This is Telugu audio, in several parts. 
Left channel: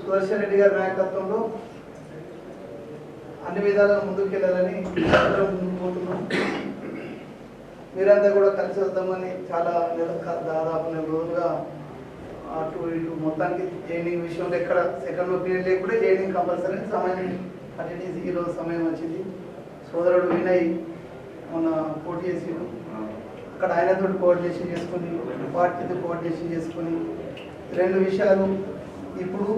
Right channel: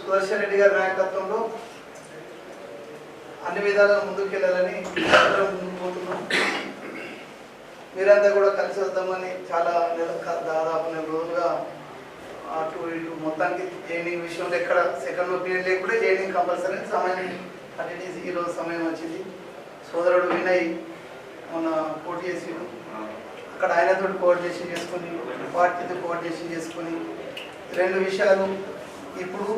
సుదర్శన్ రెడ్డి గారి నాయకత్వంలో అన్ని విధాలుగా ముందుకెళ్ళాలని ముందుకు పోతున్నాం మీరంతా కూడా కలిసి వద్దామని చాలా నెల దాదాపు నెల రోజులుగా అటు ఇటు మొత్తానికి జైనింగ్ విషయంలో ఎక్కడ సెకండ్ ఒపీనియన్ లేకుండా జైనింగ్ కంపల్సరీ సమయం అటెండెన్స్ ఈరోజు సమయం వచ్చింది. సోదరుడు వినయ్ మొన్న పోటీ చేసిండు. అక్కడ ఆయనతో కోఆర్డినేషన్ చేసుకుని పార్టీతో కోఆర్డినేషన్ చేసుకుని రెండు విషయాలు ఇప్పుడు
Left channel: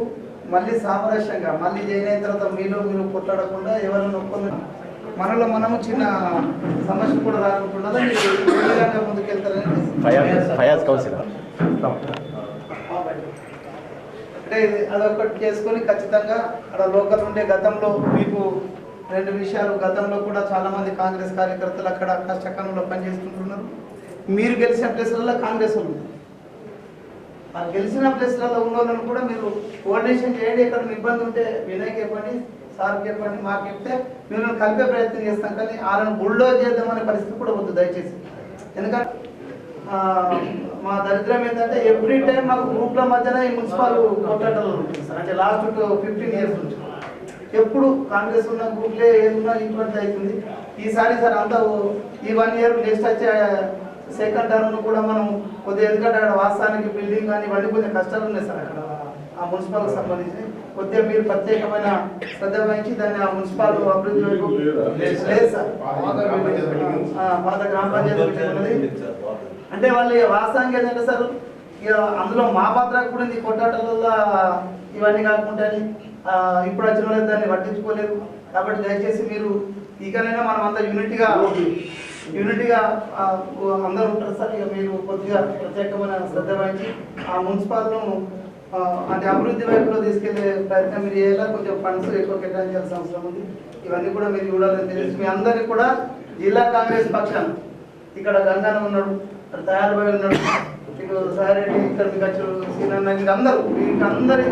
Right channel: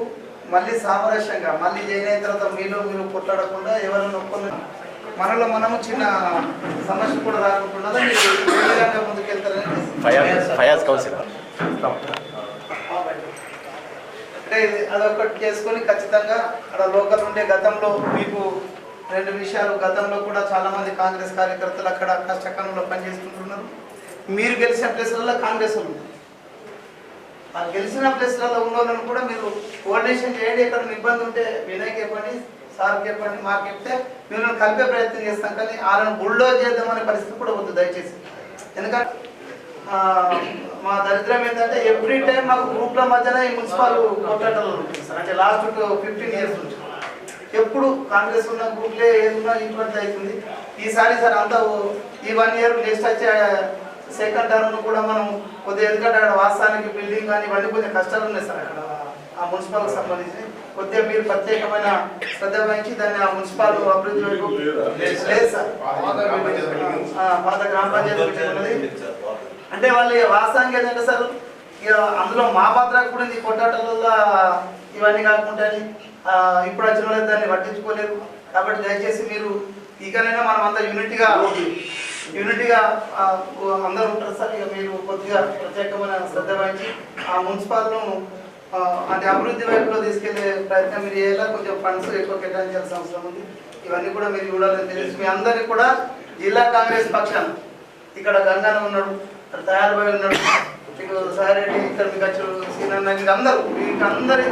మళ్ళీ సామరస్యంగా మళ్ళీ జాయిన్ అయిన తర్వాత మీలో మీరు కొట్లాడకుండా ఎవరైనా ఒక్కరు మనలో మనము చిన్న సమస్య కూడా రాకుండా మీరు ముందుకెళ్తారని ఫయాజ్ ఫయాజ్ కౌన్సిలర్. అంటే ఇది అదొకటి చేసుకొని ఖచ్చితంగా అక్కడ లోకల్ ఉండే గతంలో మీకు రెండు విషయాలు గతంలో కూడా చాలా మంది కాంగ్రెస్ కార్యకర్తలు అక్కడ కష్టకాలంలో పనిచేస్తుంటున్నారు. మీరు గెలిచిన ప్లేస్లలో కాంగ్రెస్ ఉంది. మాకు గెలిచిన ప్లేస్లలో ఉన్న వాళ్ళని కూడా మీరు కోఆర్డినేషన్ చేయండి. ఎక్కడ ఇబ్బంది ఉంటే వినయ్కి చెప్పండి సార్కి చెప్పండి మాకు చెప్తే మేము కలిపే ప్రయత్నం చేస్తాం. కానీ వాళ్ళని బుల్డోజ్ చేద్దామనే పరిస్థితి కూడా వద్దు దయచేసి. ఎందుకంటే మా దరిద్రం ఏంటంటే ఎవ్రీ టైం మాకు గ్రూప్ల మధ్యన ఈ మున్సిపల్ కొట్లాటలు ఉంటుంది సార్. అంటే లాస్ట్ ఫిఫ్టీన్ ఇయర్స్ నుంచి. ఎప్పుడు కాంగ్రెస్ ఉన్న గ్రూప్లే ఏదున్నా ఇటువంటి అవుతుంది? ఈసారి సార్ అంతా ఈ వన్ ఇయర్ నెక్స్ట్ వచ్చే సెకండ్ టర్మ్ కూడా మనం కొద్దిగా ఎందుకంటే అక్కడ వాస్తవానికి బిల్డింగ్ కానీ ఇవన్నీ కొంచెం కష్టాలు ఉన్నాయి సార్ అక్కడ. ఆ మున్సిపల్కి సంబంధించి. కొద్దిగా మీరు ప్రత్యేకమైన శ్రద్ధ వహించి దాన్ని ఆ మున్సిపల్ అభివృద్ధి వైపు లేదు సార్. పాత గ్రామ పంచాయతీ అంటే వాళ్ళు వాస్తవానికి ఏంటంటే సార్ ఇక అందులో మా పాత్ర కూడా ఉంది. కొట్టాటలలో ఇవన్నీ కాకుండా ఇప్పుడు వచ్చిన వాళ్ళు దాన్ని పట్టించుకోలేరు. కాబట్టి దయచేసి మీరు ఇకనైనా మనం అంతా యూనిట్గా యూనిట్గా అందరూ ఉంటారు సార్. ఇక మీరు కొద్దిగా ప్రత్యేకమైన శ్రద్ధ వహించి ఆ మున్సిపాల్ను అంటే అభివృద్ధి వైపులో తీసుకెళ్ళే ప్రయత్నం మీరు చేయాలా? కొంచెం ఫండ్స్ ఎక్కువ కేటాయించాల్సిన అవసరం ఉంది. ఇవన్నీ కూడా మీరు చూడాలని తెలుసు మీ అందరికీ కూడా జిల్లా కాంగ్రెస్ పక్షాన ఇక్కడ గంగాన ఉన్నాడు ఇక్కడ తయారుబాయి ఉన్నాడు మీకు సాయిరెడ్డి ఇక్కడ మీకు వచ్చారు సీనన్న మీకు అందరూ మీకు అందరి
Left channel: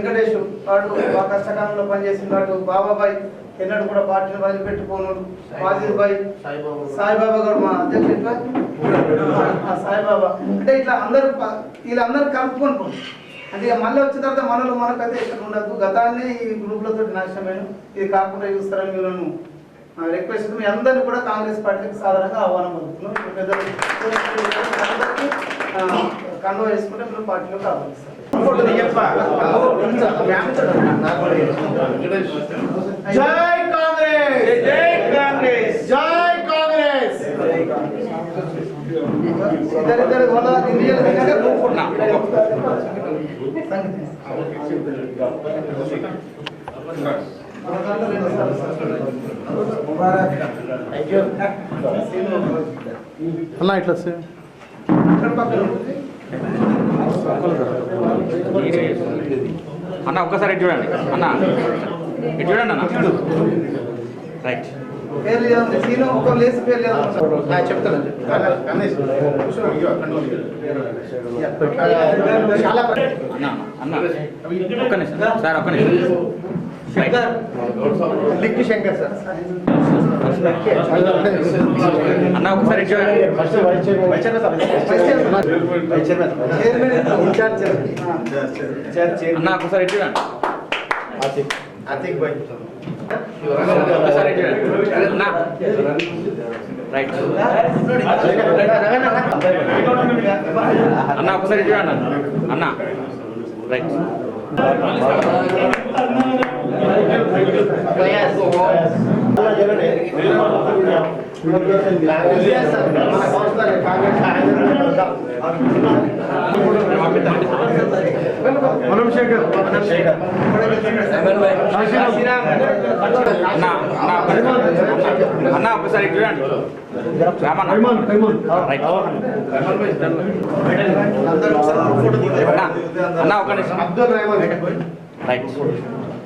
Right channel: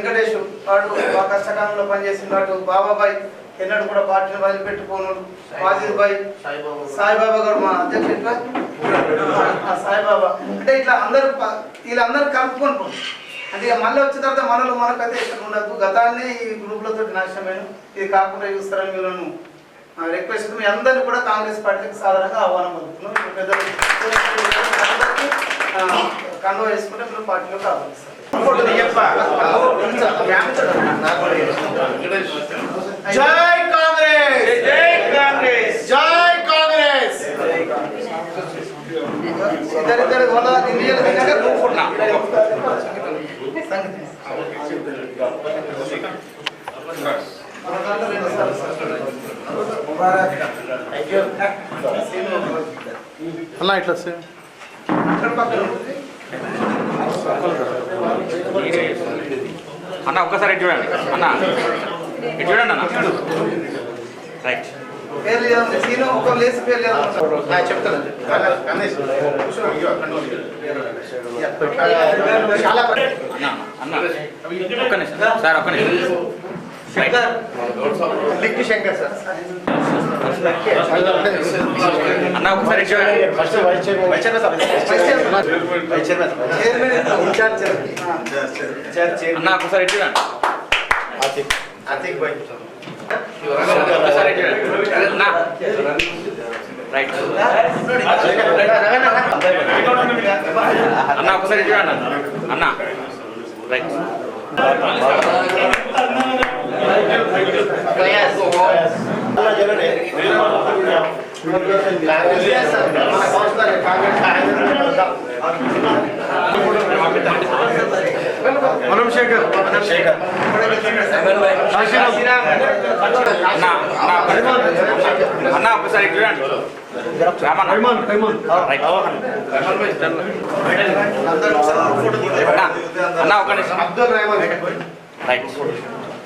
వెంకటేష్ వాడు బాగా కష్టకాలంలో పనిచేసిండు అటు బాబాబాయ్ ఎన్నడూ కూడా పార్టీని వదిలిపెట్టుకోనుడు వాజిద్ బాయ్ సాయిబాబా గారు మా అధ్యక్షుడు సాయిబాబా. అంటే ఇట్లా అందరూ వీళ్ళందరూ కలుపుకొని. అంటే మళ్ళీ వచ్చిన తర్వాత మనలో మనకైతే ఇక్కడ ఉండదు. గతాన్ని ఈ గ్రూపులతో నాశనమైన ఇది కాకుండా చూస్తారని వీళ్ళను రిక్వెస్ట్ మీ అందరినీ కూడా కాంగ్రెస్ పార్టీకి సాధారణంగా ఆహ్వానం పలుకుతున్నాం. ఇప్పుడు పెద్దలు కండువా వేసుకుంటే మీరు పార్టీలోకి ఆహ్వానిస్తారు జై కాంగ్రెస్! జై కాంగ్రెస్! జై కాంగ్రెస్! ఇద్దరిద్దరు ఇండియన్ సార్. అన్న ఇట్లా ఉంది. అన్న ఒక్కసారి ఇటు చూడండి. అన్న ఇటు చూడండి అన్న. రైట్ అన్న ఒక్క నిమిషం. సార్ ఒక్క నిమిషం. అన్న ఒకసారి ఇన్ఛార్జ్ అన్న. ఒకసారి ఇటు చూడండి ఒకసారి ఇటు అన్న. రైట్. అన్న ఒకసారి ఇటు చూడండి అన్న అన్న రైట్ మనం శేఖర్ శేఖర్ అన్న అన్న అన్న ఒకసారి ఇటు చూడండి రామన్న రైట్ అన్న అన్న ఒక నిమిషం అబ్దుల్ రెహమాన్ రైట్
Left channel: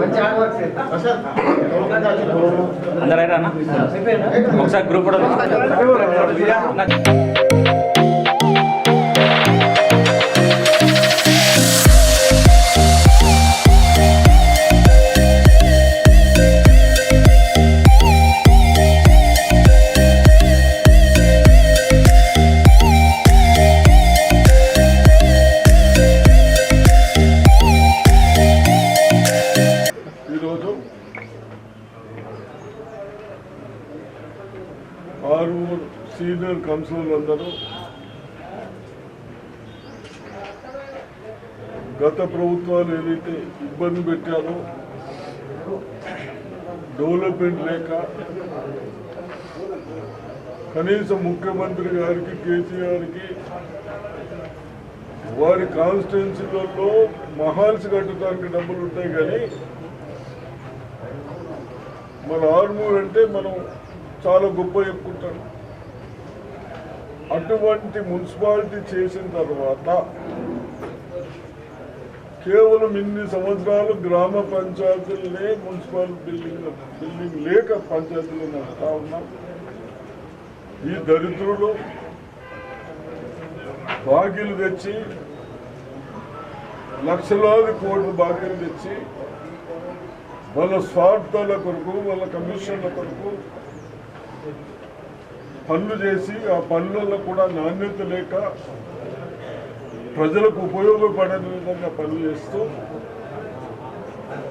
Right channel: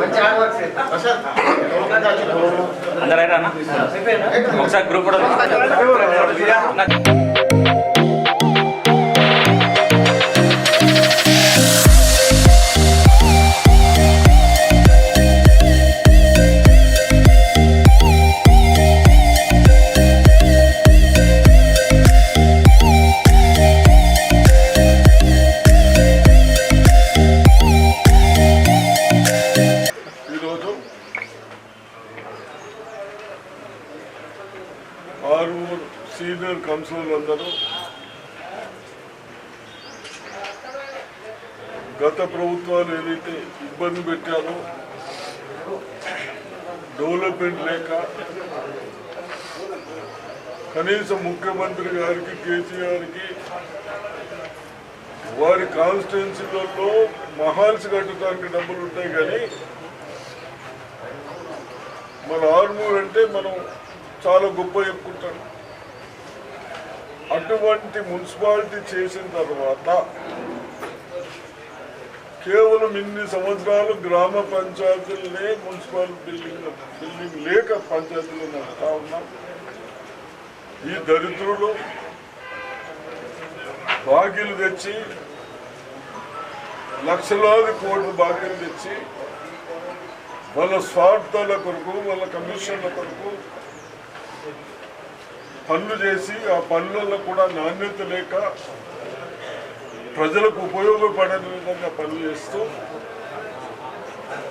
చూడండి అన్న మీరు కొంచెం మంచి హార్డ్ వర్క్ ప్రశాంత్ అందరూ అయ్యారా అన్న? ఒకసారి గ్రూప్ కూడా సీనియర్ కౌన్సిలర్లు అందరూ గత ప్రభుత్వాలు ఏదైతే ఇబ్బంది పెట్టారో డెవలప్మెంట్ లేక కనీసం ముఖ్యమంత్రి గారికి కేసీఆర్కి వారి కాన్స్టిట్యున్సీలలో మహాల్స్ కట్టడానికి డబ్బులు ఉంటాయి కానీ మన ఆర్మూర్ అంటే మనం చాలా గొప్ప చెప్పుకుంటాం. అటువంటి మున్సిపాలిటీ చేసిన తర్వాత కేవలం ఇన్ని సంవత్సరాలు గ్రామ పంచాయతీలనే మున్సిపల్ బిల్డింగ్ బిల్డింగ్ లేక పంచాయతీలు నడుపుతా ఉన్నాం. ఈ దరిద్రులు బాకీలు తెచ్చి లక్షలాది కోట్లు బాకీలు తెచ్చి వాళ్ళ స్వార్థాల కొరకు వాళ్ళ కమిషన్ల కొరకు పనులు చేసి ఆ పనులలో కూడా నాణ్యత లేక ప్రజలకు ఉపయోగపడని విధంగా పనులు చేస్తూ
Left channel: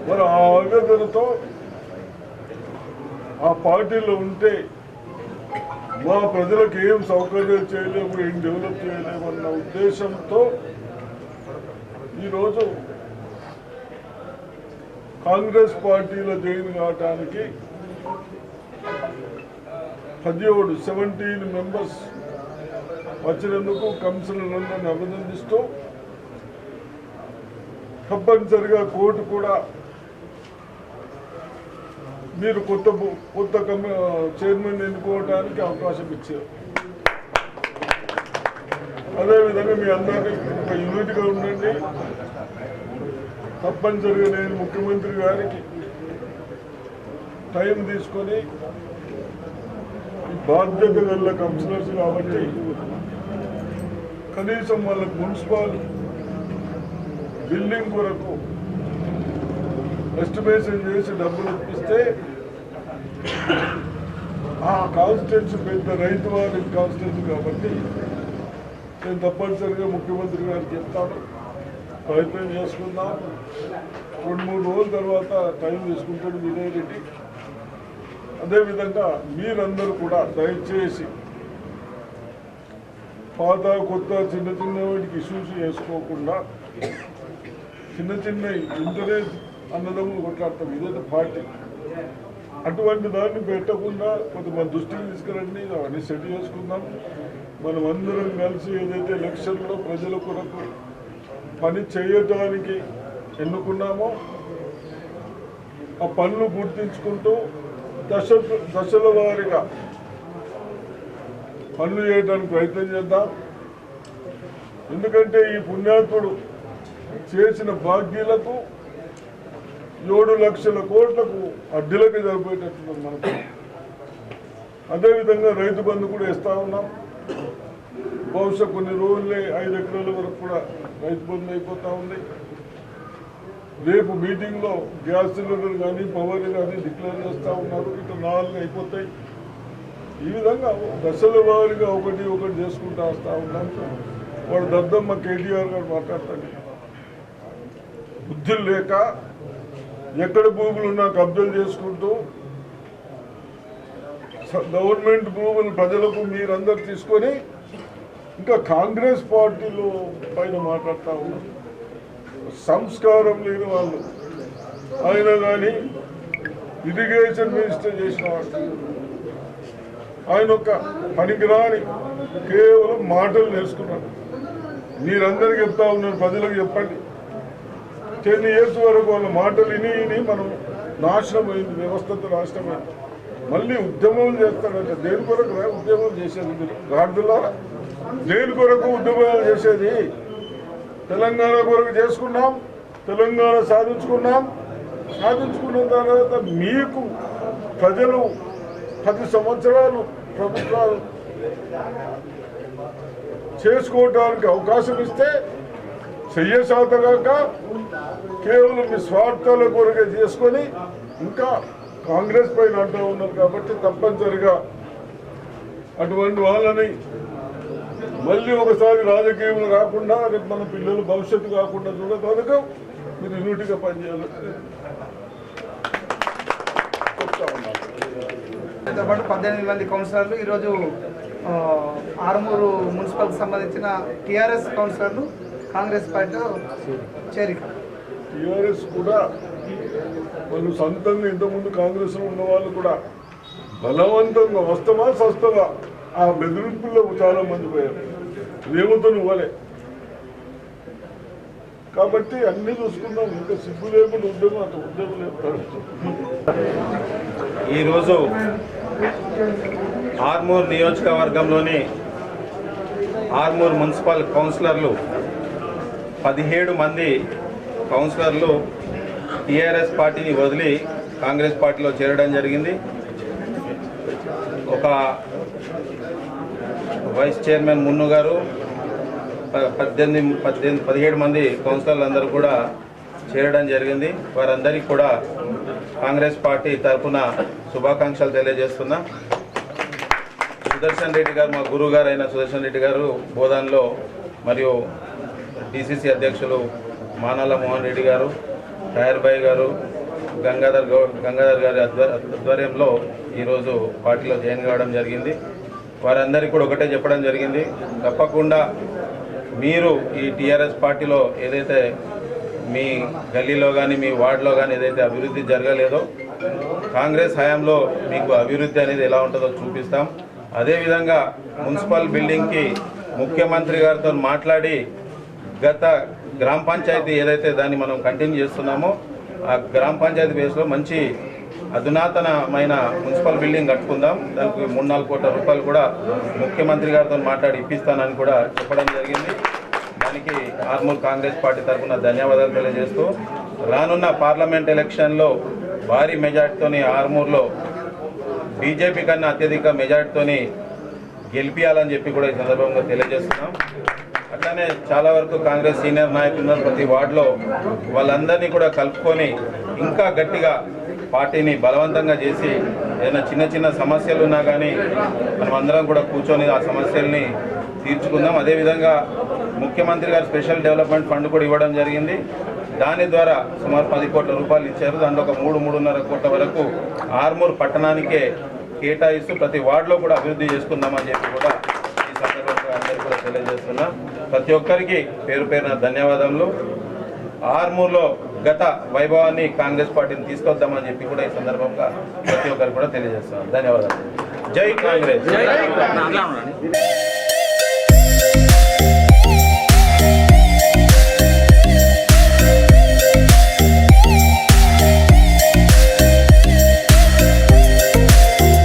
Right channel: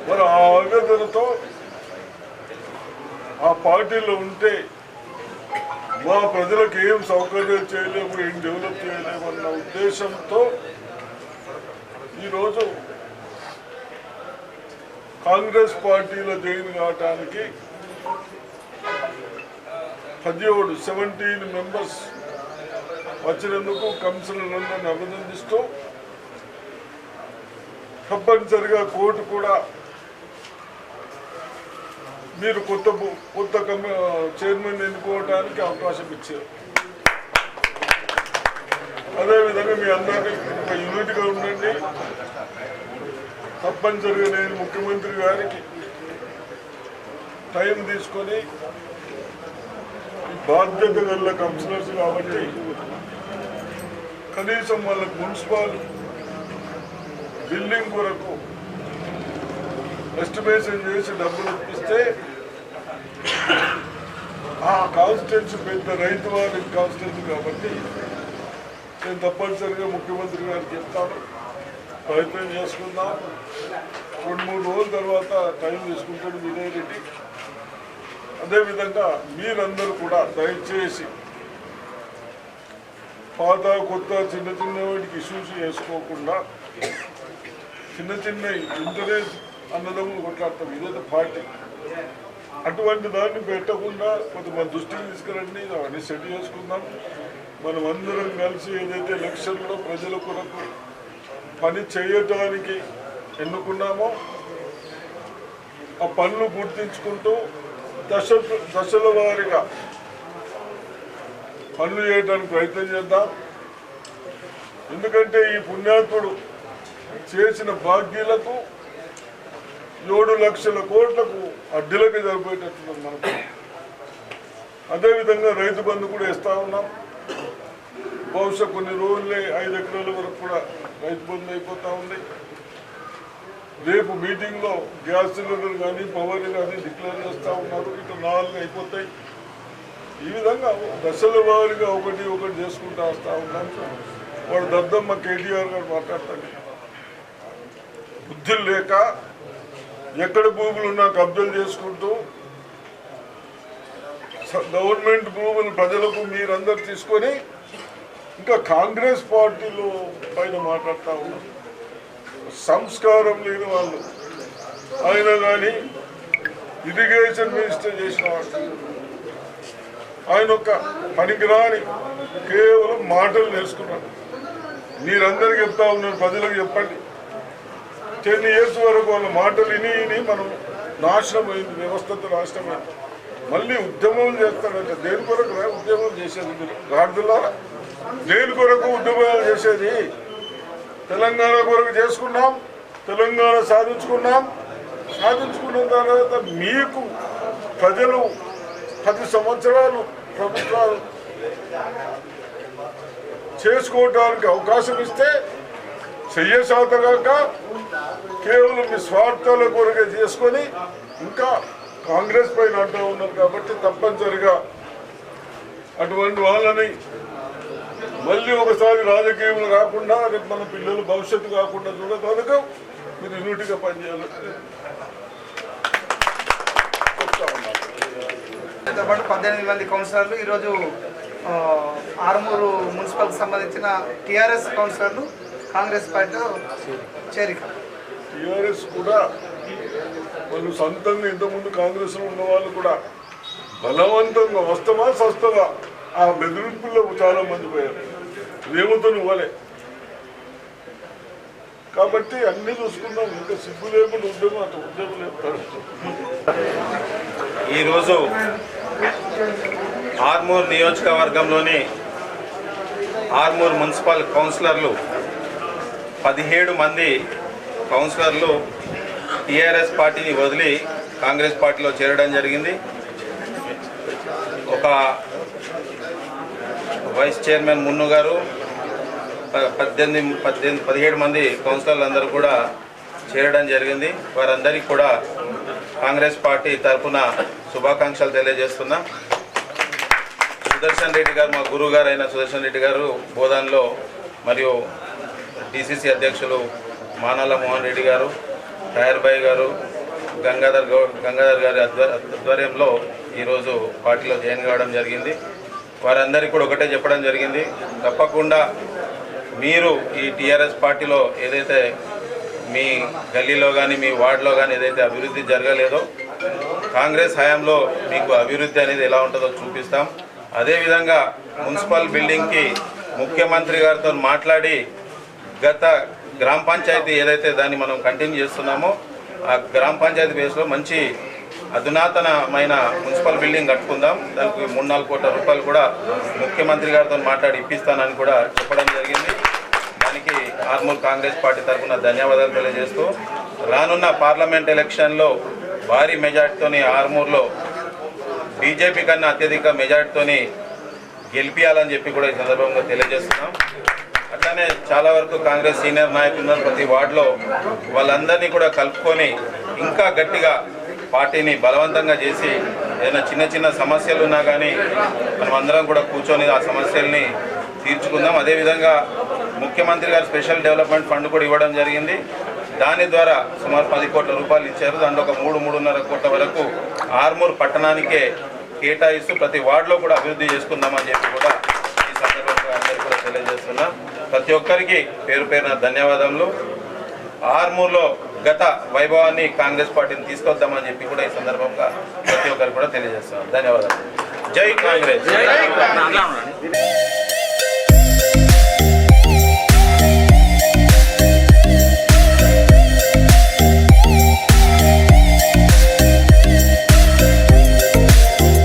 మరి ఆ ఆవేదనతో ఆ పార్టీలో ఉంటే మా ప్రజలకు ఏం సౌకర్యం చేయలేము ఏం డెవలప్ చేయలేము అన్న ఉద్దేశంతో ఈరోజు కాంగ్రెస్ పార్టీలో జాయిన్ కావటానికి పదిహేడు సెవెంటీన్ మెంబర్స్ వచ్చినందుకు కమిషనర్లను అభినందిస్తూ తప్పనిసరిగా కోర్టు కూడా మీరు కొత్త కొత్త చైర్మన్ ఎన్నుకోవడానికి అవకాశం ఇచ్చారు. అదేవిధంగా మీ అందరికీ ఒక యూనిట్గా ఉండండి. తప్పనిసరిగా నేను ముఖ్యమంత్రి గారికి టైం తీసుకొని బాధ్యత గల కౌన్సిలర్స్ కాబట్టి కనీసం వాళ్ళకు మున్సిపల్ బిల్డింగ్ కొరకు ఎస్టిమేషన్ చేసి డబ్బులు ఇప్పిస్తే ఆ కాన్స్టిట్యున్సీ పెద్ద రైతు వారి కాన్స్టిట్యున్సీ కాబట్టి నేను తప్పనిసరిగా ముఖ్యమంత్రి గారికి చెప్తాను. ప్రయత్నం చేసుకుందాం. రెండు మూడు రోజుల తర్వాత టైం తీసుకుంటాడు వినయ్ రెడ్డి. అదేవిధంగా మీరందరూ కూడా దయచేసి పాత కొత్త చిన్న చిన్న వాటికి ఇష్యూస్ చేసుకోకుండా చిన్న చిన్న ఇంటరెస్ట్ అన్నదమ్ములు కొట్లాడతాం. ఇదేదో పార్టీ. అటువంటి దాన్ని పెట్టకుండా కొంతమంది దృష్టికి తీసుకురండి అవన్నీ సెట్ చేసుకుందాం. మనం అందరం కలిసి ఏదైతే ఎలక్షన్లో ప్రజల కొరకు పని చేయటానికి ఎన్నుకున్నామో ఆ పనులు గుర్తించుకుంటూ దశ దశల వారిగా పనులు చేయడానికి ప్రయత్నం చేద్దాం. ఎందుకంటే ఈ పుణ్యాత్ముడు చేసిన భాగ్యులకు ఏడు లక్షల కోట్లకు అడ్డులకి జరిపేటట్లు మనకు. అదేవిధంగా రైతు బంధు కూడా ఇస్తా ఉన్నాం. బహుశా కొన్ని రోజులే ఐదు ఎకరాల వరకు కూడా రైతు బంధు అయిపోతూ ఉంది. రేపు మీటింగ్లో గ్యాస్ సిలిండర్ కానీ పవర్ కానీ డిక్లేర్ చేస్తూ ఉన్నారు. ఇటు నాలుగు అయిపోతాయి. ఈ విధంగా దశల వారిగా ఒకటి ఒకటి చేసుకుంటూ వస్తూ ఉన్నాం వాడు దద్దమ్మ కేటీఆర్ గారు మాట్లాడతాడు. బుద్ధులు లేక ఎక్కడ భూములు ఉన్నా కబ్జలు చేసుకుంటూ గవర్నమెంట్ భూములు ప్రజలకు మీరందరూ తీసుకొని ఇంకా కాంగ్రెస్ పార్టీలో పైన మాట్లాడుతూ ఉన్నారు. సంస్కారం లేని వాళ్ళు. ఆయన కానీ ఇరిగేషన్ మినిస్టర్ చేసిన వాళ్ళు. ఆయన ఒక పనికిరాని కేవలం మాటలు నేర్చుకున్నాడు మీరందరికీ చెప్తా ఉన్నారు ప్రజలకు చెప్పండి. టెన్ ఇయర్స్ వరకు వాళ్ళ మాటలు విని విని మనం నాశనం వ్యవస్థతో నాశనమైంది. మళ్ళీ ఉద్యమం చేస్తాడంటే దేని కొరకు ఉద్యమం చేసేది మీరు? గాడిదలారా? దేని కొరకు ఉద్యమాలు చేసేది? తెలంగాణ కొరకు చేసుకున్నాం తెలంగాణ సాధించుకున్నాం. సాధించుకున్న తర్వాత మీకు ప్రజలు పది సంవత్సరాలు ప్రభుత్వాలు చేసుకోవడానికి అవకాశం ఇస్తే చెయ్యసాతగాక కేవలం మీ స్వార్థాల కొరకే చేసుకొని ఇంకా కాంగ్రెస్ పైన అంటూ ఉన్నారు కాబట్టి తప్పనిసరిగా అటువంటి వాళ్ళని మళ్ళీ ఒకసారి రాజకీయంలో రాకుండా రేపు మన పిల్లలు భవిష్యత్తు కాకుండా చూడగలుగు మీరు యూనిట్గా పనిచేయాలి. చెప్తా ఉన్నాను తో పాటు పద్దెనిమిది మంది కౌన్సిలర్లు ఈరోజు ఆర్మూరు మున్సిపల్కి సంబంధించిన టీఆర్ఎస్ కౌన్సిలర్లు కాంగ్రెస్ పార్టీలో చేరిక. టిఆర్ఎస్ కూడా వాళ్ళు సొంతంగా ఇంతకుముందు కాంగ్రెస్లో ఉన్న వాళ్ళు కూడా బలవంతంగా వస్తావా సస్తవా ఆ బెదిరింపుల్లో చాలా మంది పోయారు. రేవుతో ఇవ్వలే కాబట్టి అన్ని చూసుకున్నాం ఇంకా సిగ్గు లేకుండా ఉద్యోగం అంత ఉద్యోగం లేదు ఈరోజు ఆర్మూర్ నియోజకవర్గంలోని ఆర్మూర్ మున్సిపల్ కౌన్సిలర్లు పదిహేడు మంది కౌన్సిలర్లు టీఆర్ఎస్ పార్టీని వదిలి కాంగ్రెస్ పార్టీలో చేరడం జరిగింది. ఒక వైస్ చైర్మన్ మున్ను గారు ప- పద్దెనిమిది పద్దెనిమిది పదిహేడు మంది కౌన్సిలర్లు అందరూ కూడా చేరడం జరిగింది. వారందరికీ కూడా కాంగ్రెస్ పార్టీ తరఫున శుభాకాంక్షలు తెలియజేస్తున్నా. సుదర్శన్ రెడ్డి గారు మా గురువు గారు అయిన సుదర్శన్ రెడ్డి గారు బోధన్లో మరియు డిసిసి అధ్యక్షులు మానాల మోహన్ రెడ్డి గారు టైర్ బాయ్ గారు గంగాధర్ గౌడ్ గంగాధర్ గారి ఆధ్వర్యంలో ఈరోజు పార్టీలో జాయిన్ కావడం జరిగింది. వారందరికీ కూడా ఒకటే చెప్పడం జరిగింది. తప్పకుండా మీరు ఈ టీఆర్ఎస్ పార్టీలో ఏదైతే మీ గల్లీలో కానీ మీ వార్డులో కానీ ఏదైతే అభివృద్ధి జరగలేదో కాంగ్రెస్ హయాంలో మీకు అభివృద్ధి అనేది ఎలా ఉంటుందో చూపిస్తాం. అదేవిధంగా మున్సిపల్ బిల్డింగ్కి ముఖ్యమంత్రి గారితో మాట్లాడి గత గ్రామ పంచాయతీ ఏదైతే దాన్ని మనం కంటిన్యూ చేస్తున్నామో ఆ గ్రామ పంచాయతీ బేస్లో మంచి అధునాతనమైన మున్సిపల్ బిల్డింగ్ కట్టుకుందాం. దానికి మూడు నాలుగు కోట్ల రూపాయలు కూడా ముఖ్యమంత్రి గారితో మాట్లాడి ఇప్పిస్తానని కూడా చెప్పడం జరిగింది. దానికి ఆర్మూర్ కాంగ్రెస్ పార్టీ తరఫున ధన్యవాదాలు తెలియజేస్తూ రానున్న పార్లమెంట్ ఎలక్షన్లో భారీ మెజార్టీతోని ఆర్మూర్లో బీజేపీ కన్నా అత్యధిక మెజార్టీతోని గెలిపించాలని చెప్పి కూడా ఈ సందర్భంగా తెలియజేస్తున్నాం. అట్లానే చాలా వరకు కాంగ్రెస్ సీనియర్ నాయకులు ఉన్నారు ప్రతి వార్డులో. వాళ్ళందరినీ కూడా కలుపుకొని ఇంకా గట్టిగా పార్టీని బలవంతంగా చేసి ఏదైనా చిన్న చిన్న సమస్యలు ఉన్నా కానీ మనం అందరం కూడా కూర్చొని ఆ సమస్యల్ని తీర్చుకుందాం. అదేవిధంగా ముఖ్యమంత్రి గారు స్పెషల్ డెవలప్మెంట్ ఫండ్ కూడా ఇవ్వడం జరిగింది. దాని ద్వారా సుమారు పది కోట్ల రూపాయలు ఇచ్చారు. దాంట్లో ఒక మూడు మూడున్నర కోట్ల వరకు ఆర్మూర్ పట్టణానికే కేటాయిస్తూ ప్రతి వార్డులో కూడా అభివృద్ధి చేసుకుందామని చెప్పి కూడా ఈ సందర్భంగా అందరికీ కూడా తెలియజేస్తున్నా ప్రతి ఒక్కరికి పేరు పేరున ధన్యవాదములు. ఆర్మూర్లో గత వైభవాన్ని కాంగ్రెస్ పార్టీని తీసుకొద్దామని చెప్పి కూడా ఈ సందర్భంగా ప్రతి ఒక్కరికి కూడా తెలియజేస్తున్నాం. ధన్యవాదాలు. జై కాంగ్రెస్.